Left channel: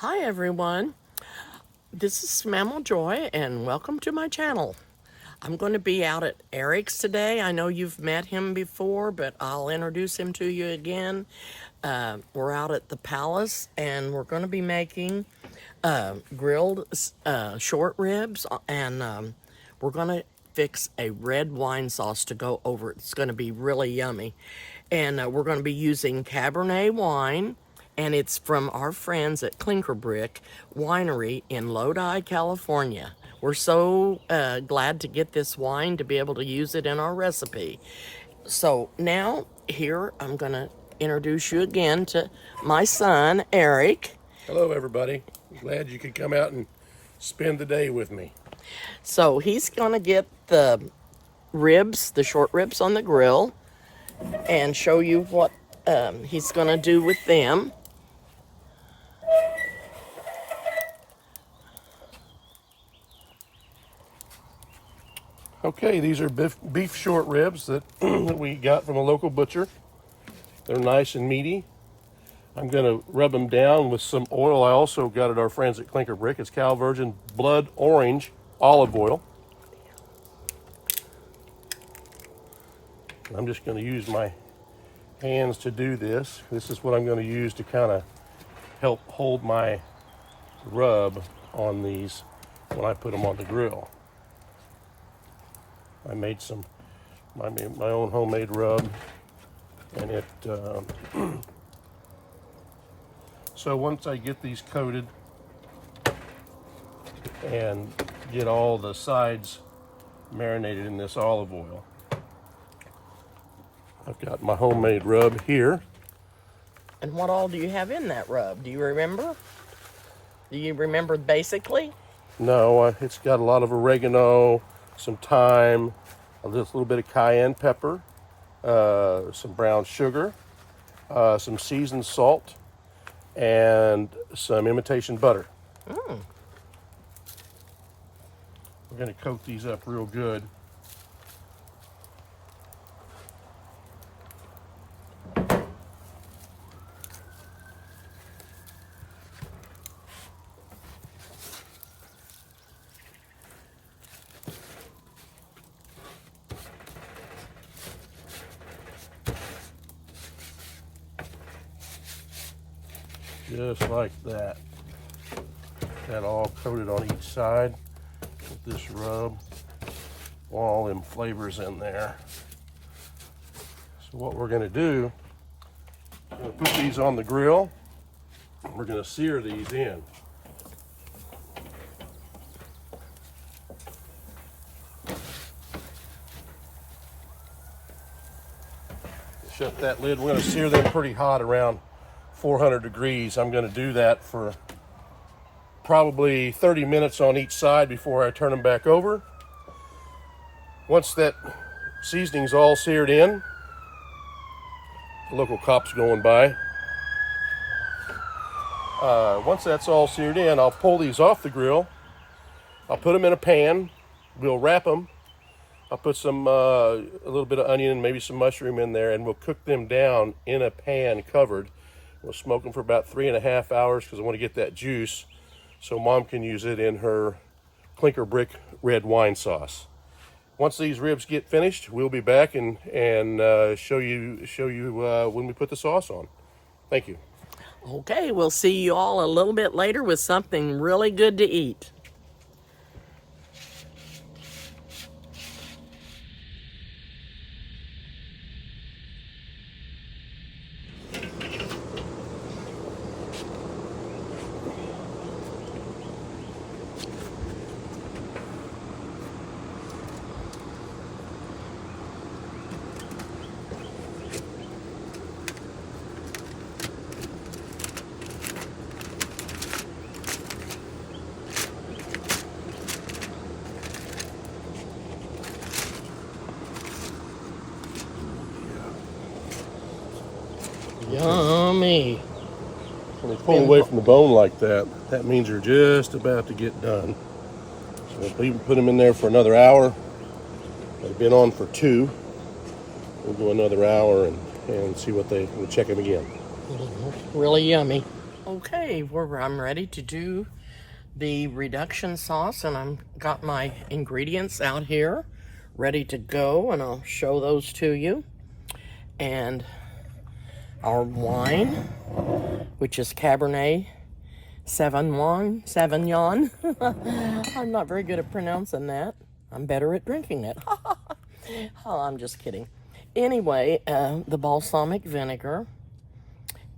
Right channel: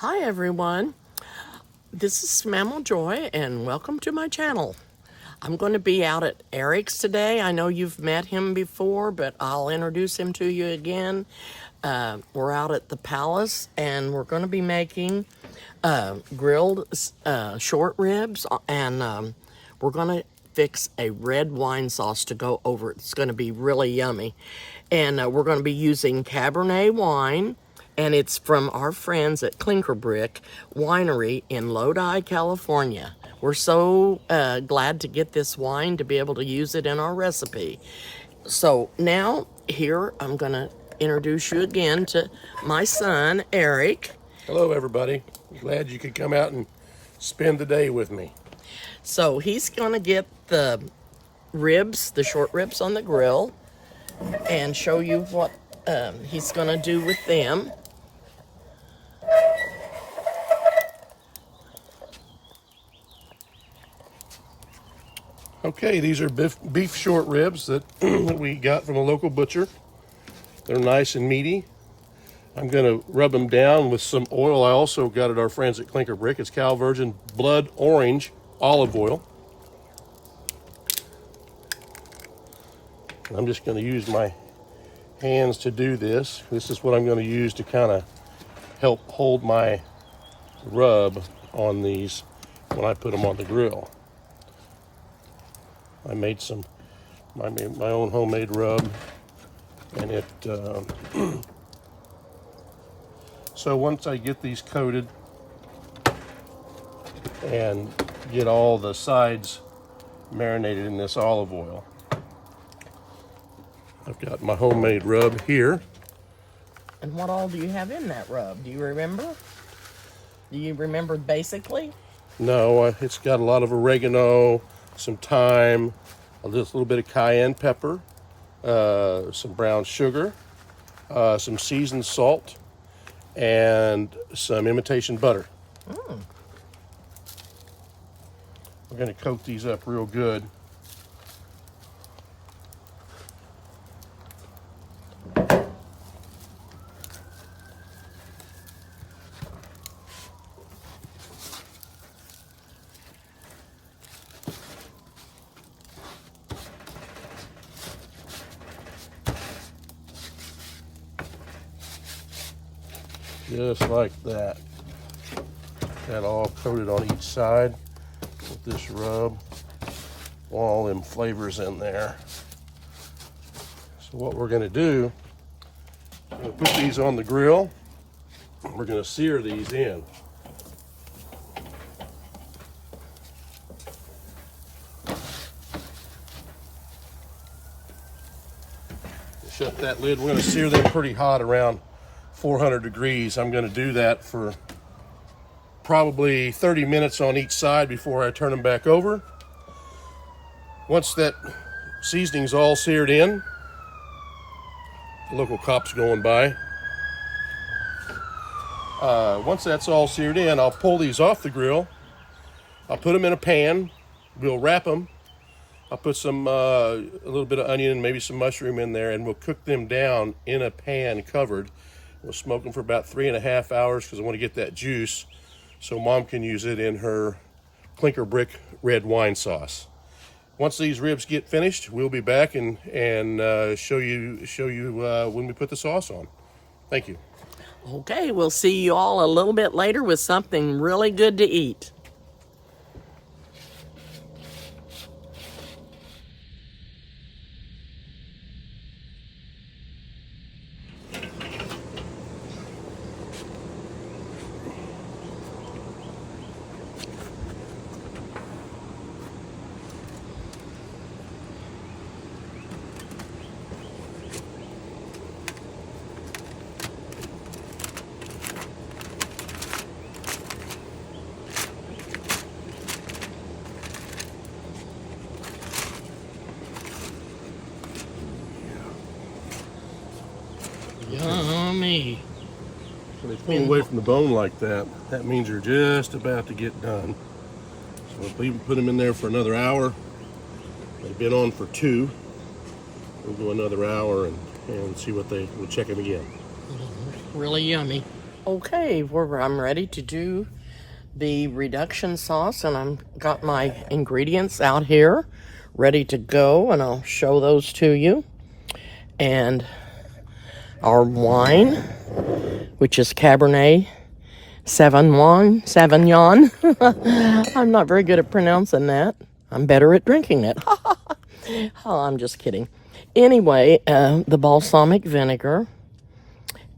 Hi everyone, this is Mamaw Joy and welcome to my channel. I'm going to be out at Eric's today. I know you've met him before, but I'll introduce him to you again. We're out at the Palace and we're going to be making grilled short ribs, and we're going to fix a red wine sauce to go over it. It's going to be really yummy. And we're going to be using Cabernet wine, and it's from our friends at Clinker Brick Winery in Lodi, California. We're so glad to get this wine to be able to use it in our recipe. So now here I'm going to introduce you again to my son, Eric. Hello, everybody. Glad you could come out and spend the day with me. So he's going to get the ribs, the short ribs on the grill, and show you what he's going to do with them. Okay, these are beef short ribs that we got from a local butcher. They're nice and meaty. I'm going to rub them down with some oil I also got at our friends at Clinker Brick. It's Cal Virgin Blood Orange olive oil. And I'm just going to use my hands to do this. This is what I'm going to use to kind of help hold my rub on these when I put them on the grill. I made my own homemade rub, and it so once I get these coated and get all the sides marinated in this olive oil, I've got my homemade rub here. And what all do you have in that rub? Do you remember? Do you remember basically? No, it's got a lot of oregano, some thyme, a little bit of cayenne pepper, some brown sugar, some seasoned salt, and some imitation butter. We're going to coat these up real good. Just like that. That all coated on each side with this rub. All them flavors in there. So what we're going to do, we're going to put these on the grill. And we're going to sear these in. Shut that lid. We're going to sear them pretty hot, around 400 degrees. I'm going to do that for probably 30 minutes on each side before I turn them back over. Once that seasoning's all seared in, the local cop's going by. Once that's all seared in, I'll pull these off the grill. I'll put them in a pan. We'll wrap them. I'll put some a little bit of onion and maybe some mushroom in there, and we'll cook them down in a pan covered. We'll smoke them for about 3.5 hours because I want to get that juice so Mom can use it in her Clinker Brick red wine sauce. Once these ribs get finished, we'll be back and show you when we put the sauce on. Thank you. Okay, we'll see you all a little bit later with something really good to eat. Yummy. When they pull away from the bone like that, that means they're just about to get done. So if we put them in there for another hour, they've been on for 2. We'll go another hour and see what we'll check them again. Really yummy. Okay, I'm ready to do the reduction sauce, and I've got my ingredients out here ready to go, and I'll show those to you. And our wine, which is Cabernet Sauvignon. I'm not very good at pronouncing that. I'm better at drinking it. Oh, I'm just kidding. Anyway, the balsamic vinegar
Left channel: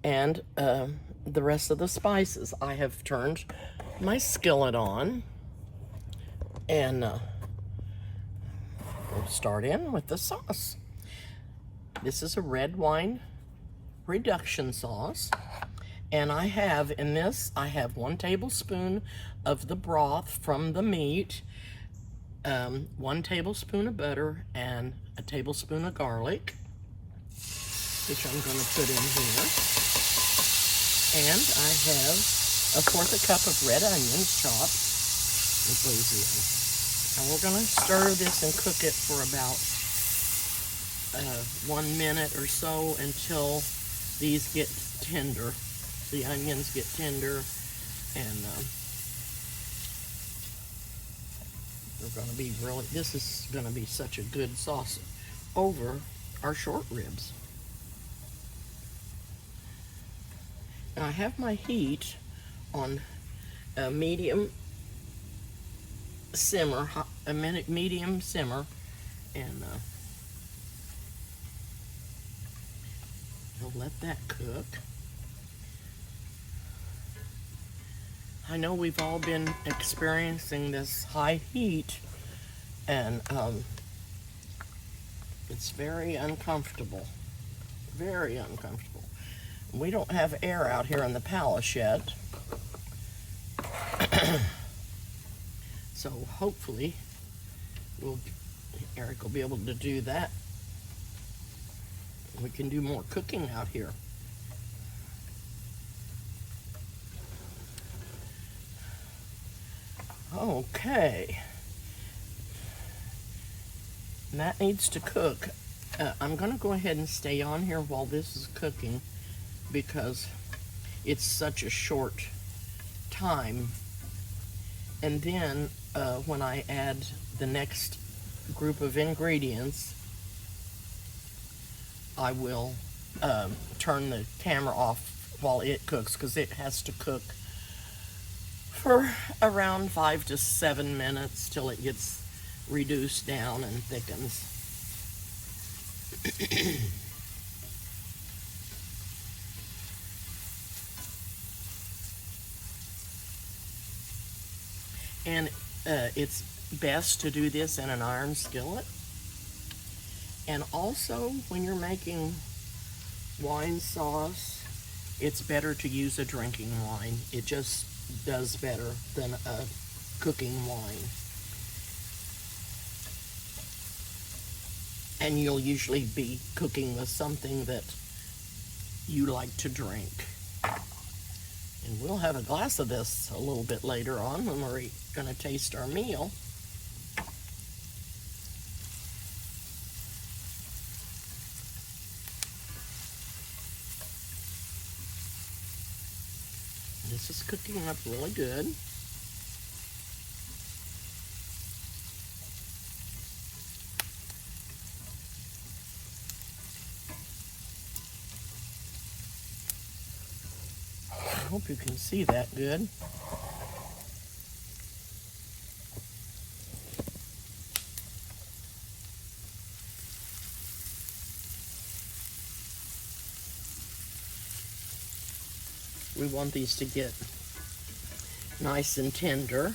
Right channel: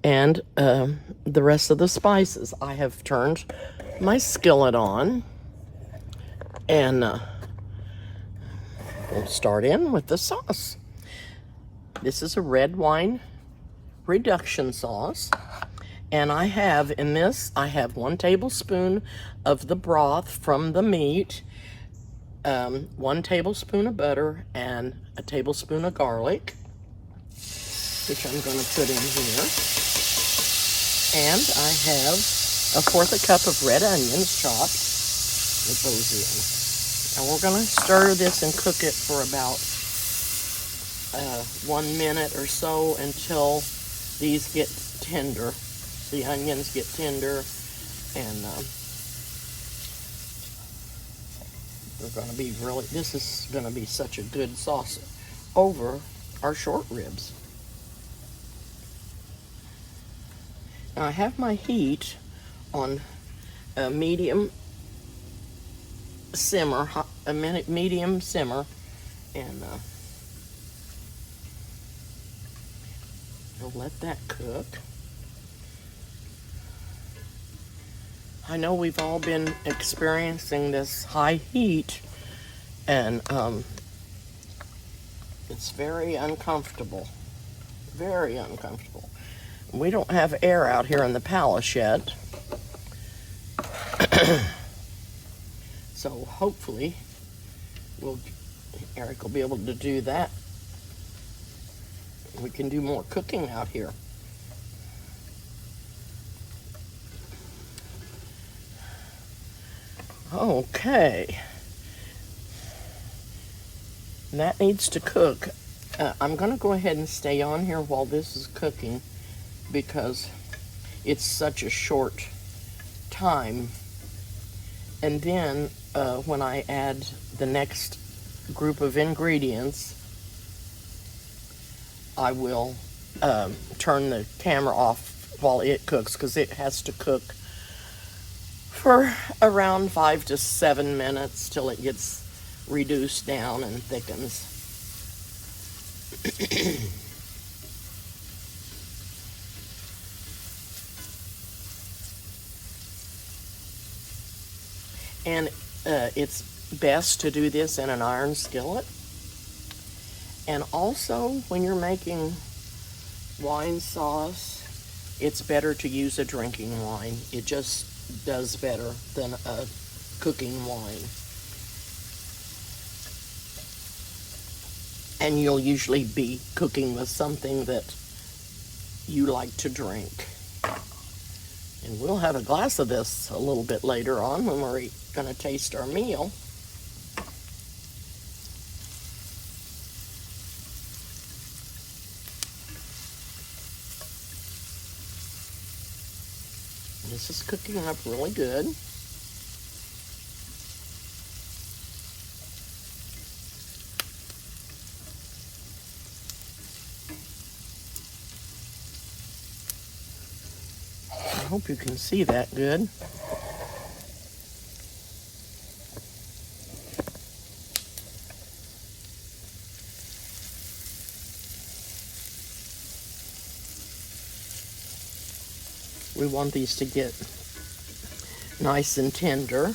and the rest of the spices. I have turned my skillet on, and we'll start in with the sauce. This is a red wine reduction sauce, and I have 1 tablespoon of the broth from the meat, 1 tablespoon of butter, and a tablespoon of garlic, which I'm going to put in here. And I have 1/4 cup of red onions chopped that goes in. And we're going to stir this and cook it for about 1 minute or so until these get tender. The onions get tender, and this is going to be such a good sauce over our short ribs. Now I have my heat on a medium simmer, and we'll let that cook. I know we've all been experiencing this high heat, and it's very uncomfortable. Very uncomfortable. We don't have air out here in the palace yet. So hopefully Eric will be able to do that. We can do more cooking out here. Okay. That needs to cook. I'm going to go ahead and stay on here while this is cooking because it's such a short time. And then when I add the next group of ingredients, I will turn the camera off while it cooks, because it has to cook for around 5 to 7 minutes till it gets reduced down and thickens. And it's best to do this in an iron skillet. And also, when you're making wine sauce, it's better to use a drinking wine. It just does better than a cooking wine. And you'll usually be cooking with something that you like to drink. And we'll have a glass of this a little bit later on when we're going to taste our meal. This is cooking up really good. I hope you can see that good. We want these to get nice and tender.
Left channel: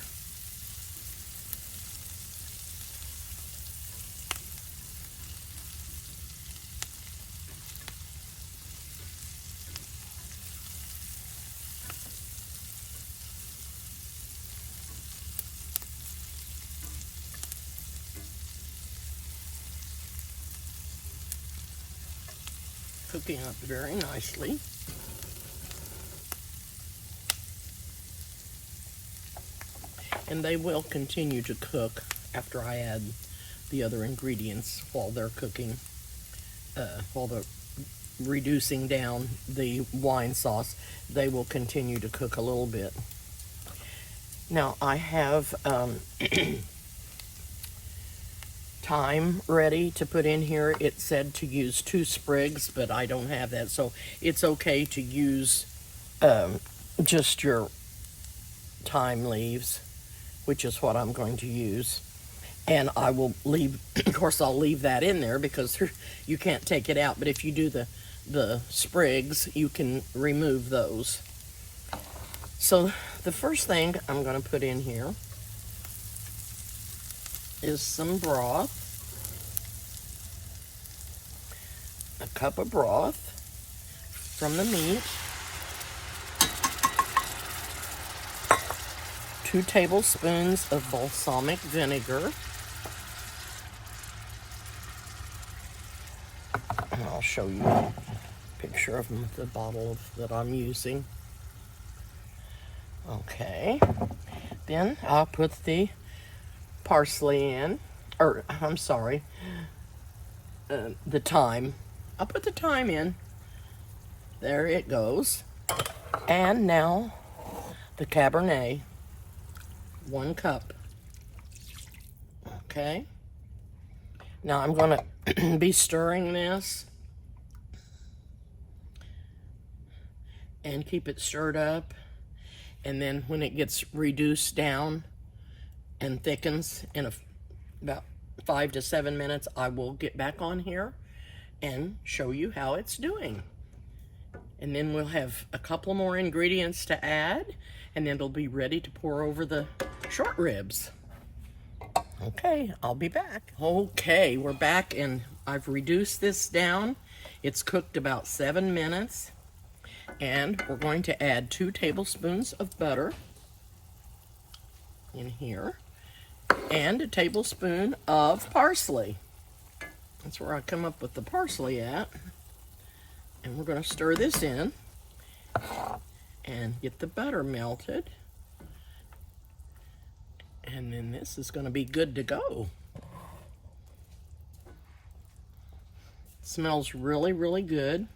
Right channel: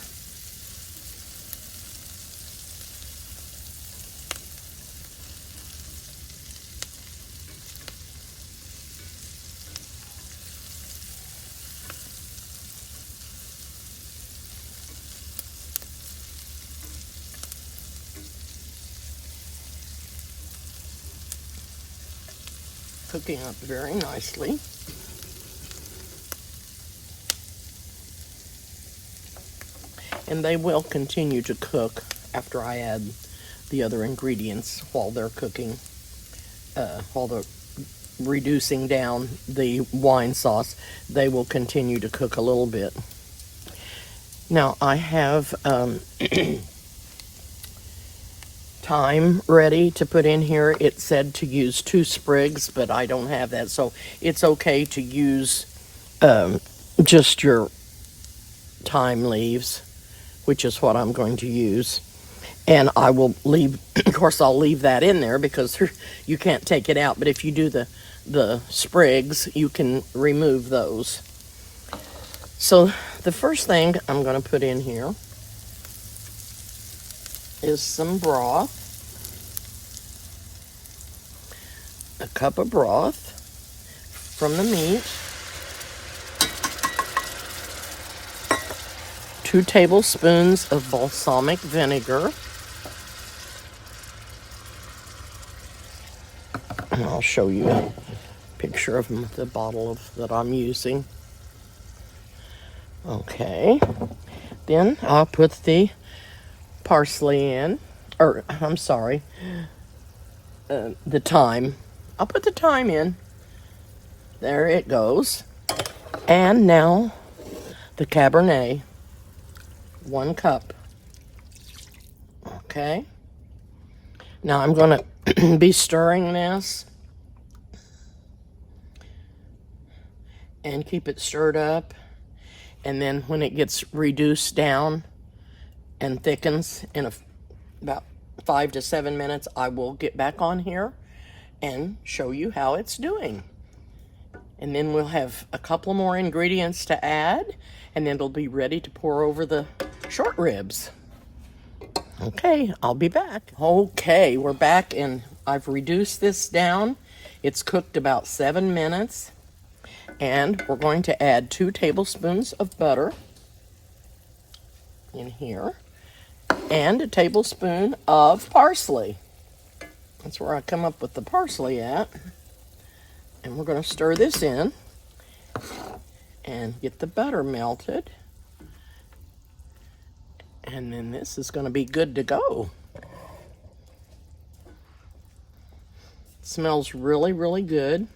Cooking up very nicely. And they will continue to cook after I add the other ingredients while they're cooking, while the reducing down the wine sauce, they will continue to cook a little bit. Now I have thyme ready to put in here. It said to use 2 sprigs, but I don't have that, so it's okay to use just your thyme leaves, which is what I'm going to use. And I will leave, of course, I'll leave that in there because you can't take it out, but if you do the sprigs, you can remove those. So the first thing I'm going to put in here is some broth. A cup of broth from the meat. 2 tablespoons of balsamic vinegar. And I'll show you a picture of the bottle that I'm using. Okay. Then I'll put the parsley in, or I'm sorry, the thyme. I'll put the thyme in. There it goes. And now the Cabernet, 1 cup. Okay. Now I'm going to be stirring this and keep it stirred up. And then when it gets reduced down and thickens in about 5 to 7 minutes, I will get back on here and show you how it's doing. And then we'll have a couple more ingredients to add, and then it'll be ready to pour over the short ribs. Okay, I'll be back. Okay, we're back, and I've reduced this down. It's cooked about 7 minutes, and we're going to add 2 tablespoons of butter in here, and a tablespoon of parsley. That's where I come up with the parsley at. And we're going to stir this in and get the butter melted. And then this is going to be good to go. It smells really, really good.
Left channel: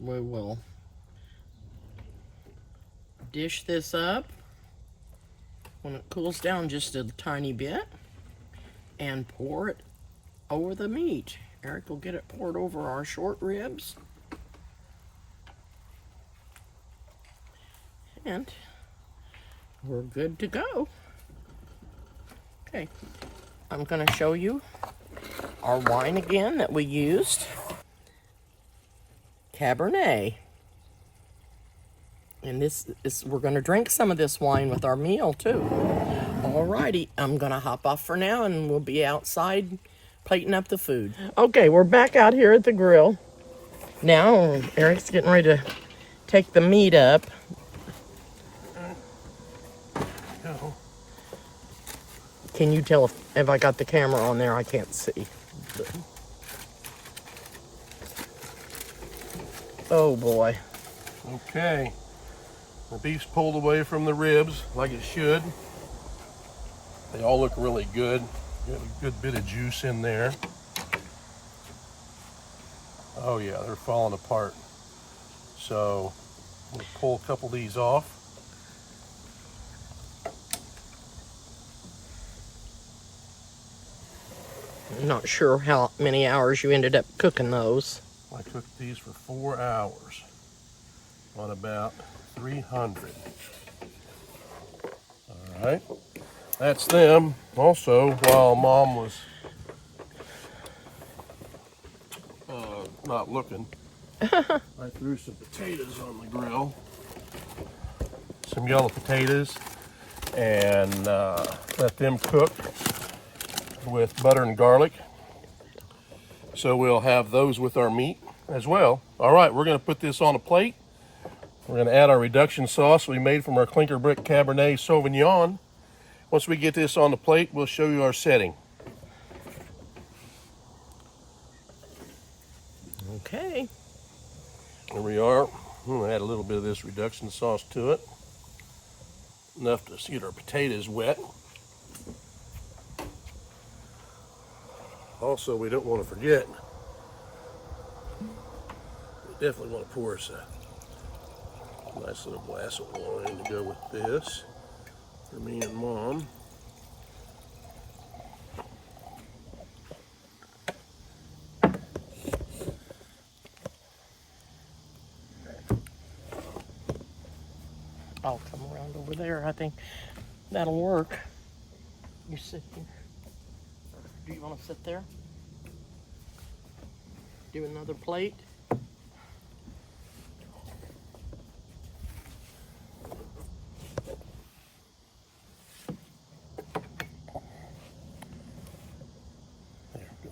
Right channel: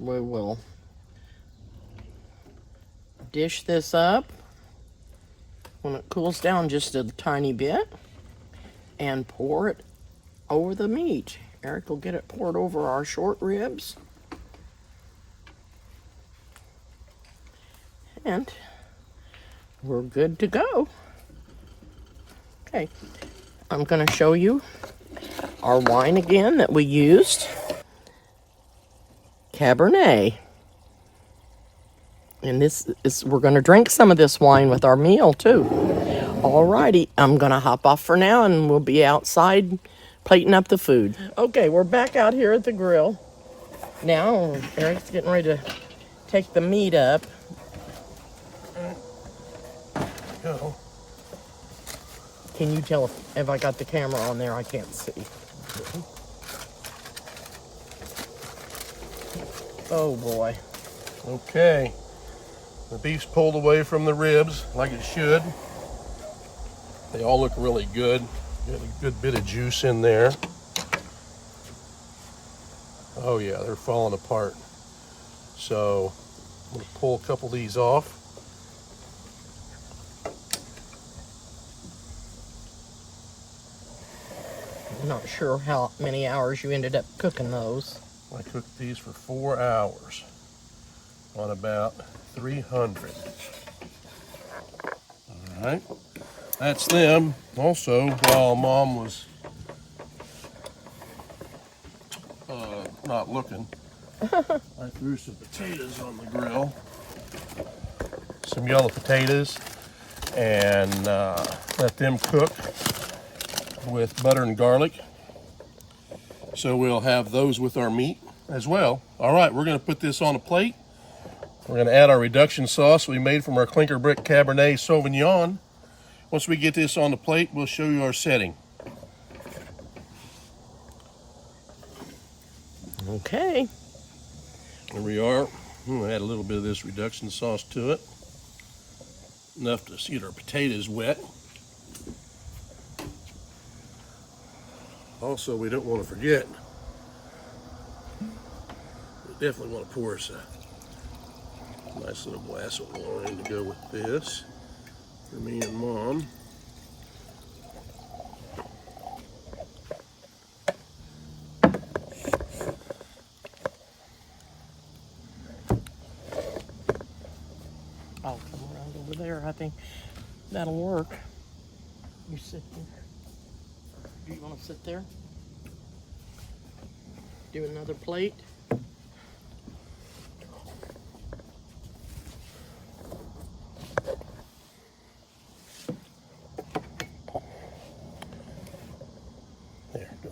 We will dish this up when it cools down just a tiny bit and pour it over the meat. Eric will get it poured over our short ribs. And we're good to go. Okay, I'm going to show you our wine again that we used. Cabernet. And this is, we're going to drink some of this wine with our meal too. Alrighty, I'm going to hop off for now and we'll be outside plating up the food. Okay, we're back out here at the grill. Now, Eric's getting ready to take the meat up. Go. Can you tell if I got the camera on there? I can't see. Oh boy. Okay. The beef's pulled away from the ribs like it should. They all look really good. Got a good bit of juice in there. Oh yeah, they're falling apart. So I'm gonna pull a couple of these off. I'm not sure how many hours you ended up cooking those. I cooked these for 4 hours on about 300. All right, that's them. Also, while Mom was not looking, I threw some potatoes on the grill. Some yellow potatoes, and let them cook with butter and garlic. So we'll have those with our meat as well. All right, we're going to put this on a plate. We're going to add our reduction sauce we made from our clinker brick Cabernet Sauvignon. Once we get this on the plate, we'll show you our setting. Okay. Here we are. I'm going to add a little bit of this reduction sauce to it. enough to see our potatoes wet. Also, we don't want to forget, we definitely want to pour us a nice little glass of wine to go with this for me and Mom. I'll come around over there. I think that'll work. You sit here. Do you want to sit there? Do another plate. There, go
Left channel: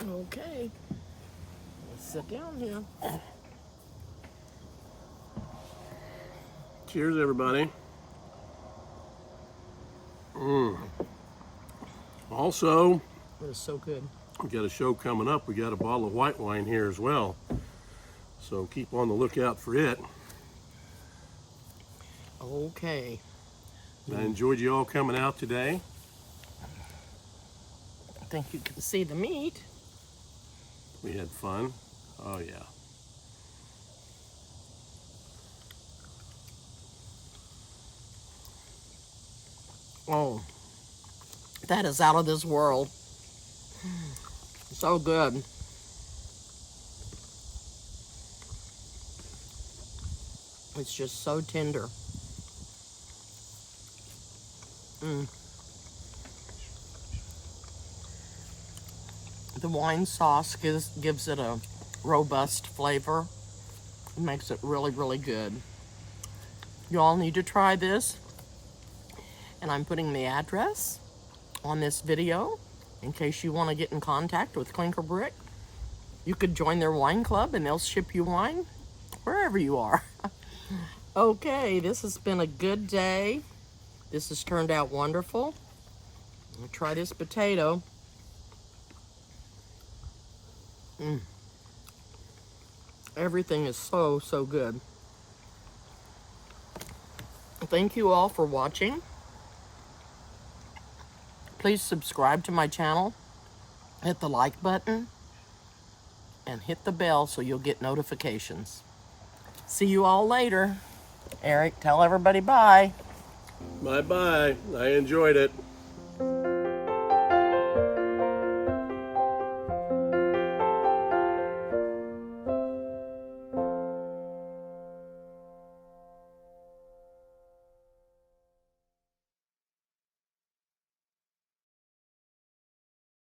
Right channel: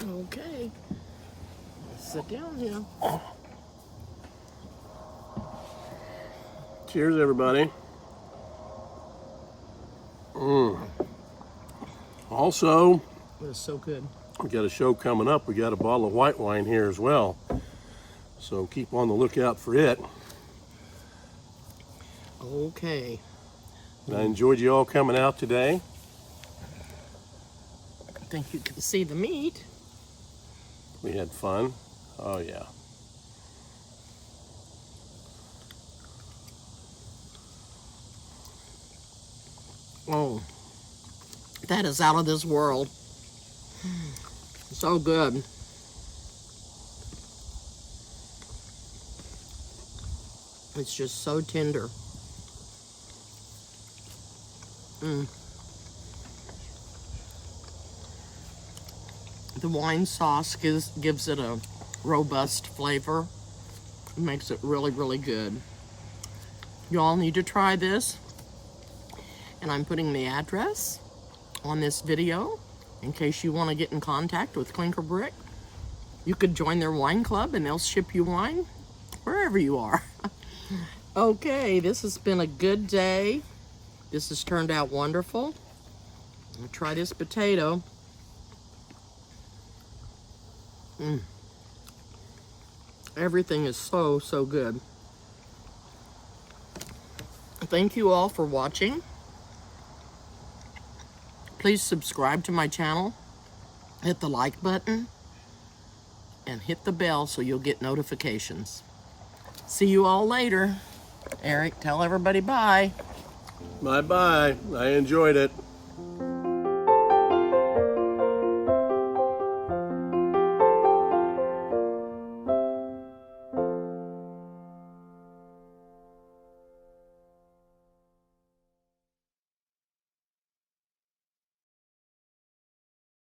ahead. Okay. Let's sit down here. Cheers, everybody. Also, It was so good. we got a show coming up. We got a bottle of white wine here as well. So keep on the lookout for it. Okay. I enjoyed you all coming out today. I think you can see the meat. We had fun. Oh, yeah. Oh, that is out of this world. So good. It's just so tender. The wine sauce gives it a robust flavor. It makes it really, really good. You all need to try this. And I'm putting the address on this video in case you want to get in contact with Clinker Brick. You could join their wine club and they'll ship you wine wherever you are. Okay, this has been a good day. This has turned out wonderful. I'll try this potato. Everything is so, so good. Thank you all for watching. Please subscribe to my channel, hit the like button, and hit the bell so you'll get notifications. See you all later. Eric, tell everybody bye. Bye-bye. I enjoyed it.